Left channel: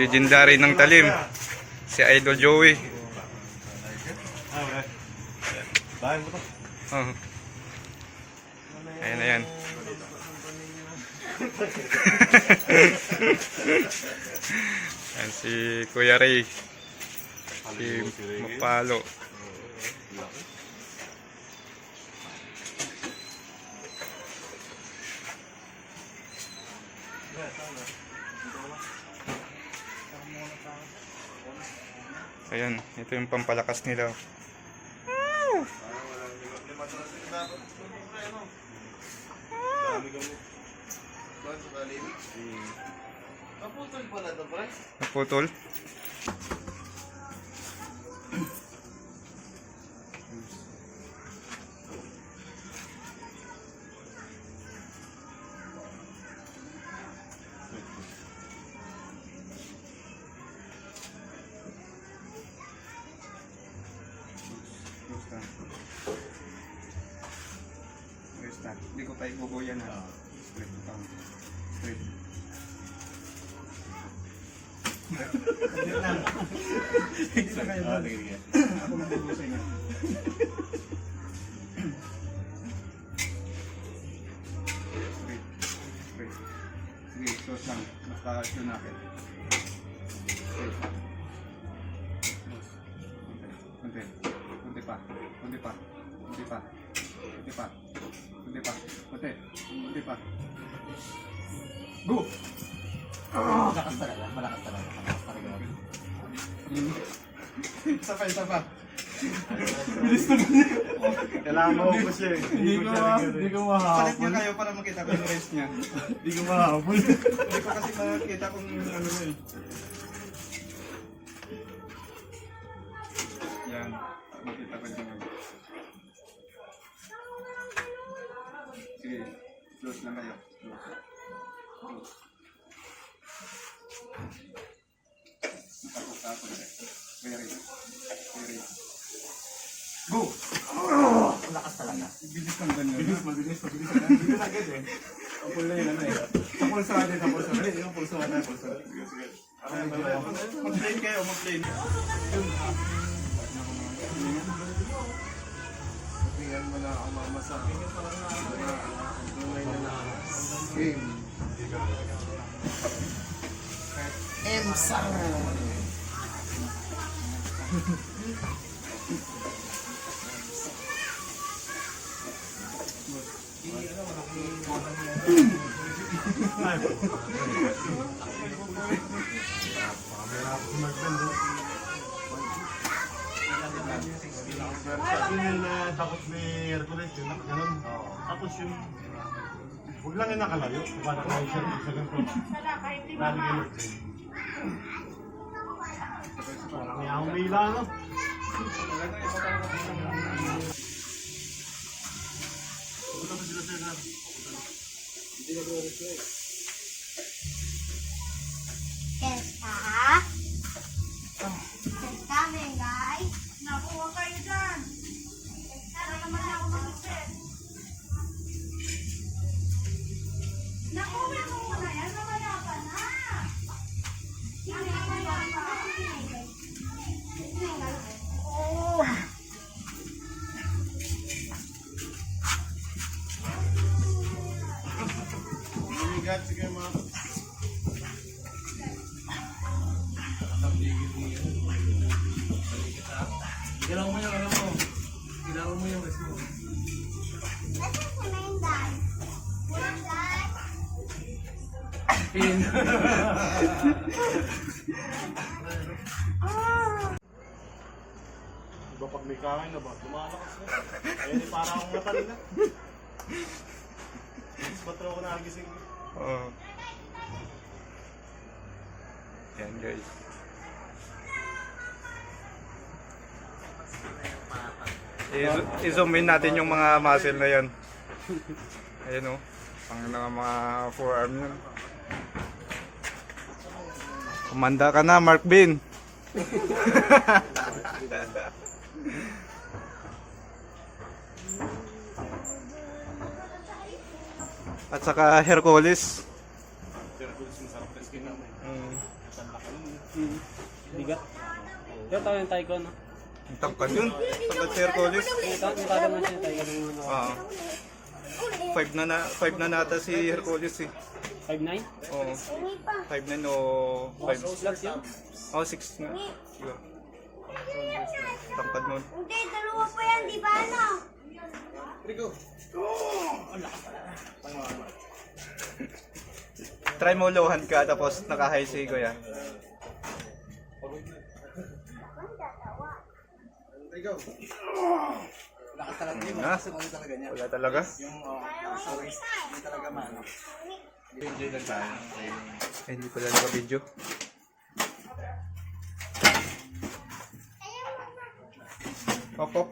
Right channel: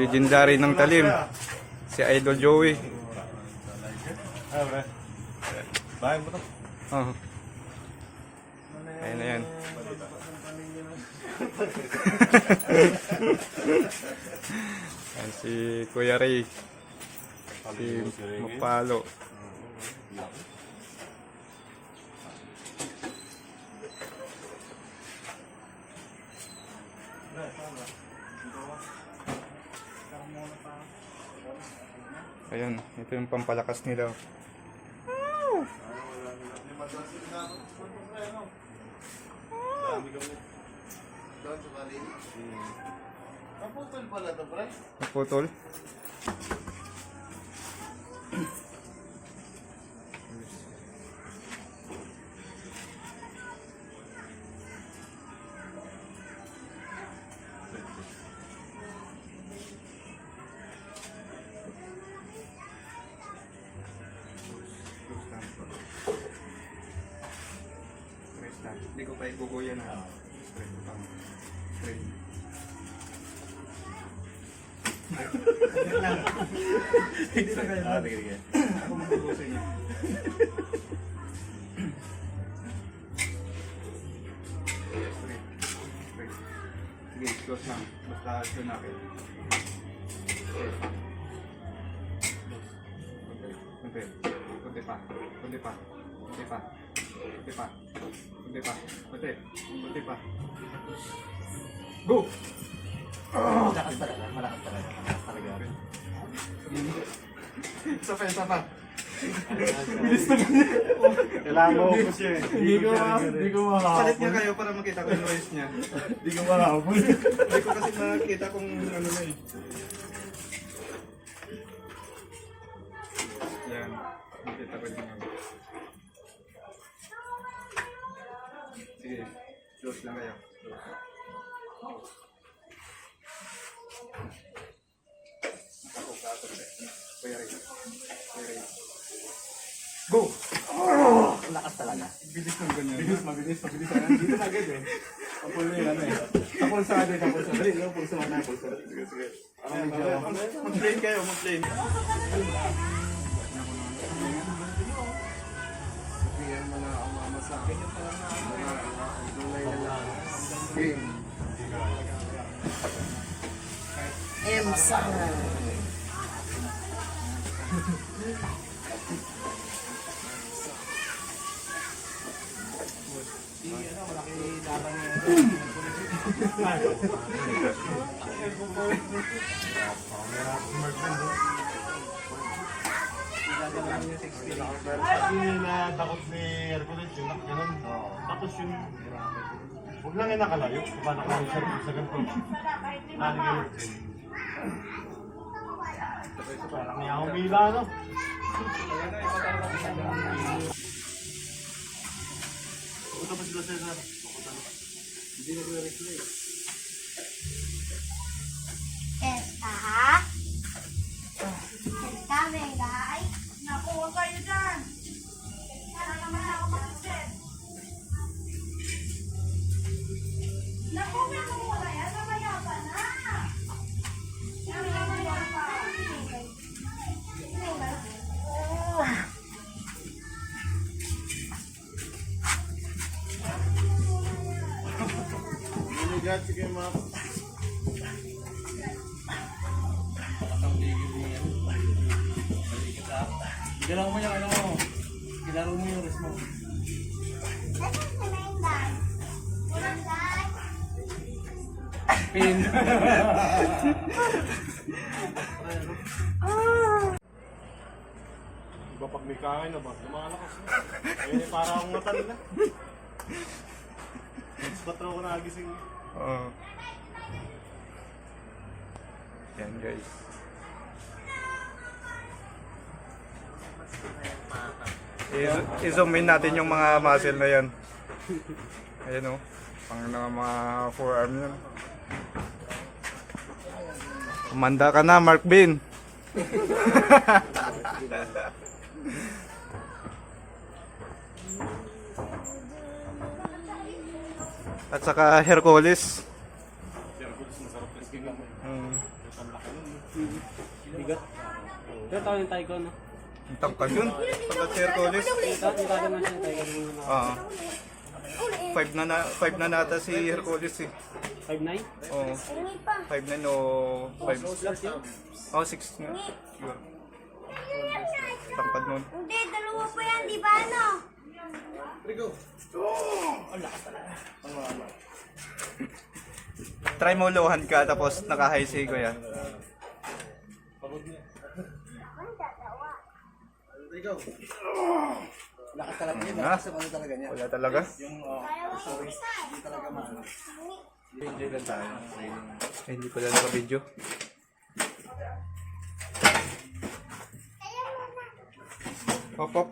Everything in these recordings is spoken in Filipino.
legendary ng talim. Si Idol Joey. Bahan mo to. Oh. Ayan na yan. Ayan si Kuya Ray. Si Mapalo. Ayan, ito yung pampalakas nila. Naputol pala ito, pre. Naputol. Hindi ko pa ibubuyan na. Straight pa. Straight. Hindi na kayo. Ako magbubusan niya. Straight. Straight. Sige, close lang. Basta yun natin. Straight. Kunti. Kunti pa. Kunti pa. Kunti pa. Kunti pa. Kunti pa. Kunti. Kunti pa. Go! Malakas talaga, malakas talaga. Malakas talaga. Isa pa, isa pa. Kailangan mo ko siya eh. Hindi ko Palit niya mahabol. kayo para makita ko yung noise niya. Hindi ko mahabol. Hindi ko kasi makita kung ano na eh. Yan. Makita ko din yung... Sige. Close lang kayo. Close. Natakot ka ako na. Kuya Ray. Kuya Ray. Go! Malakas talaga. Bilis ng ganyan. Mabilis. Hindi na agad eh. Ang pulo yun ano eh. Ang pulso natin, ang pulso. Dali, yung pulso natin, pulso. Sige. Mag-plane kayo, mag-plane. Kaya mo na ang mama sa akin. Tunay na lang. Game. M-Sang. Yung takot ni Hercules, yung nakaganon. Tapos yung... Huwag lang yung nakalayo. Diba nakalayo siya sa ganito. Naligilid. Parang may humila, no? Pupunta pa sila, Cesar. Hindi na reflect. Esta, venga, ay. Naku, huwag kayo dyan. Sana naman ako mag-set. Naku, may kung wala yan, mamaya ka na. Ano yung wala pa? Manigat, sige mga... Galaw mo yung ano mo. Galaw mo yung rest mo. Pin. Diba pag may kain na ba? Lumalakas na. Ayun yung parang akong matan na. Mas patro ko nagising. Oo. Yan guys. I-zoom in natin yung mga muscle na yan. Ayan o. Pang mga forearm yan. Kumanda ka na, Mark Bin. At saka Hercules. Hercules, masarap yung skin naman. Mm. Matalaki nun. Bigat. Pero tao yung Tyco, no? Ang tangkad yun. Tangkad si Hercules. Nitaka nga siya yung Tyco ng Oo. 5 na nata si Hercules eh. 5'9"? Oo. 5'9 o 5. Plus yun? Oh, 6 nga. Siguro. Tangkad nun. Hindi, dalawa pa yan, di ba ano? Try mo lohan ka tapos naka-high si Kuya. Lakas talaga yun. Na? Kasi ano talaga niya. Wala talaga. Yung stories, hindi talaga maano. Hindi lang tayo. Eh, hindi pala naka-video. Pop, pop.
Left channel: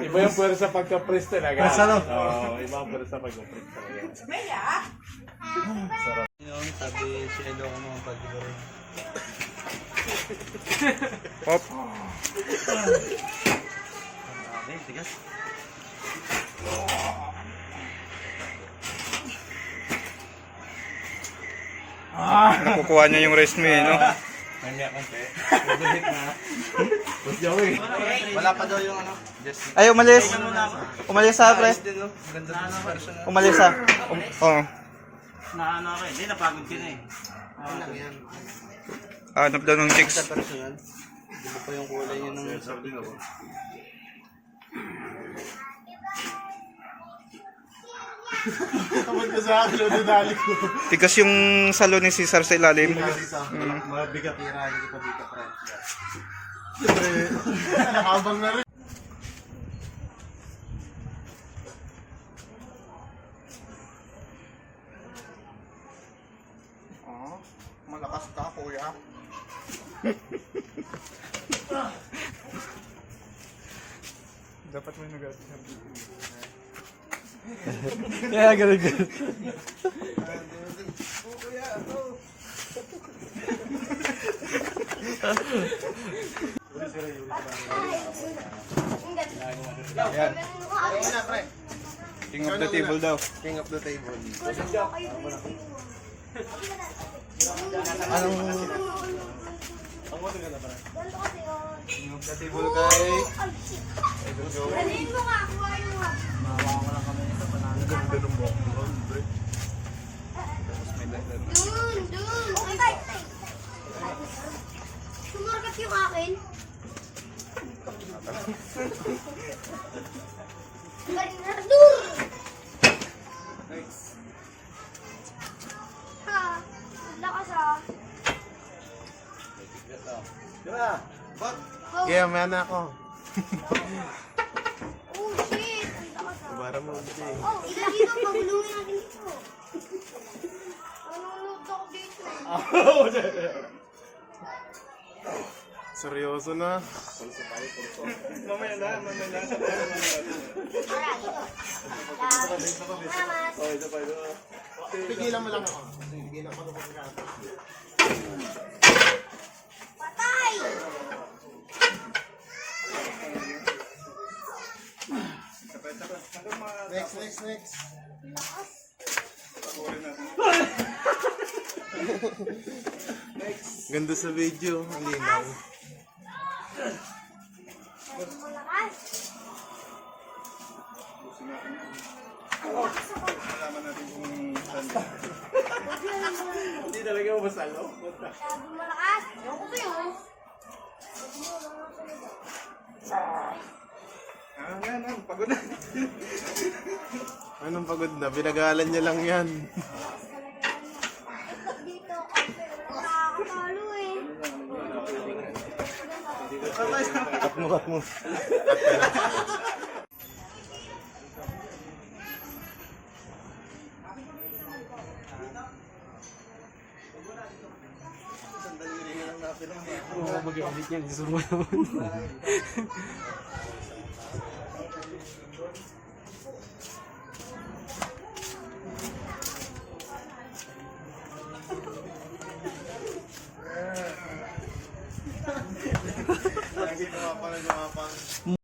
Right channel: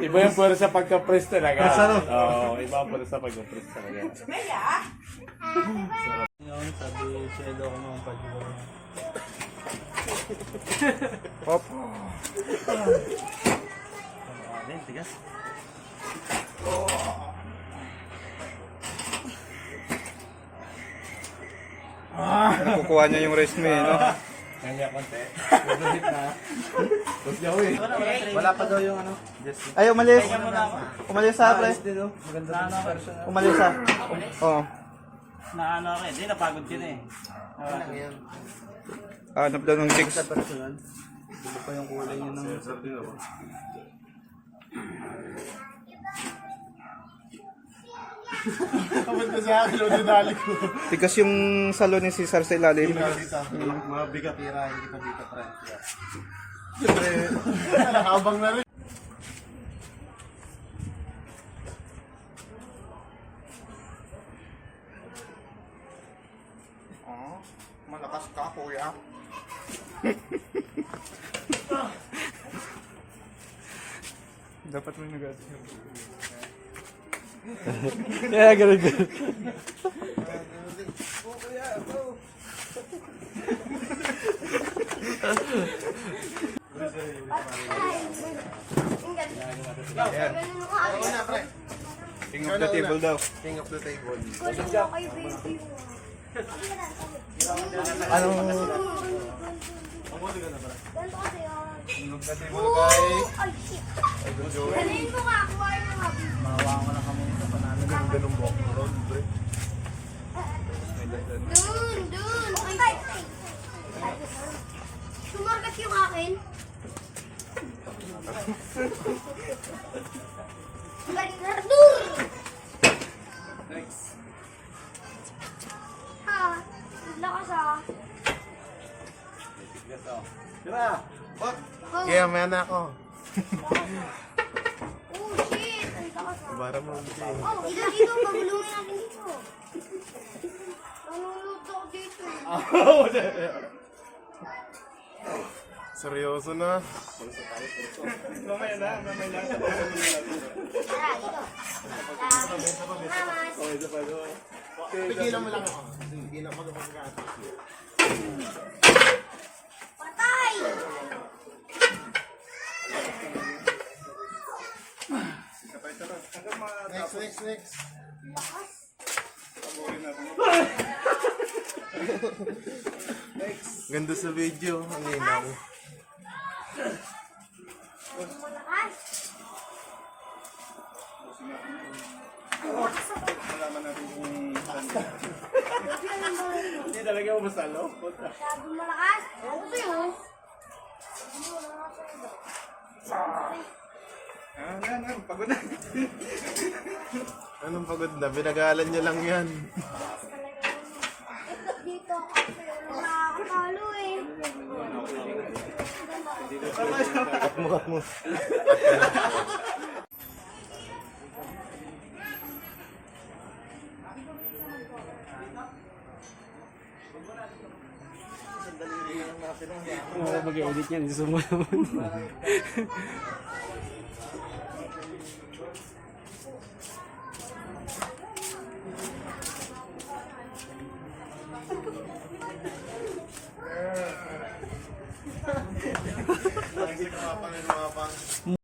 Iba yung pwersa pagka-press talaga. Oo, iba ang pwersa pagka-press talaga. Sabi si Elo ko naman pag-ibig. Pop. Tigas. Nakukuha niya yung rest mo eh, no? Kanya konti. Buduhit na. Joey. Wala pa daw yung ano. Just Ay, umalis. Umalis sa pre. din oh. Maganda din sa person. Umalis sa. Oo. Naano ako eh. Hindi, napagod ka na eh. Ano lang yan. Hanap daw ng chicks. Tapos yan. Hindi pa yung kulay yun ng... Sir din ako. Kapag ka sa akin, dinali ko. Tigas yung salon ni Cesar sa ilalim. Mga bigat tirahin kita dito, pre. Habang na rin. Oh, malakas ka, kuya. Dapat mo nag Yeah, ganun. Yan. King of the table daw. King of the table. King of the table kay... Dalhin mo nga, kuhain mo nga. Ganda ng buhok mo ron, pre. Dun! Sumarkat yung akin. Bernardur! Ha? Lakas ah. Tira! Bak! Oh, Kaya may anak ako. oh shit! Ang lakas ah. Bara mo dito eh. Oh, ila dito, pagulungan natin dito. Manunod ako dito. Seryoso na. Mamaya na. Pigilan mo lang ako. Pigilan mo lang ako. Patay! Next. Ganda sa video. Ang linaw. Malakas! Malaman natin kung saan. Hindi talaga mo masalo. Masyadong malakas. Ako sa'yo. Pagod na. Anong pagod na? Binagalan niya lang yan. Ikot dito kasi nakakatalo eh. Kat mo. mag-edit niyan. Gusto mo naman. Lagi kumapang.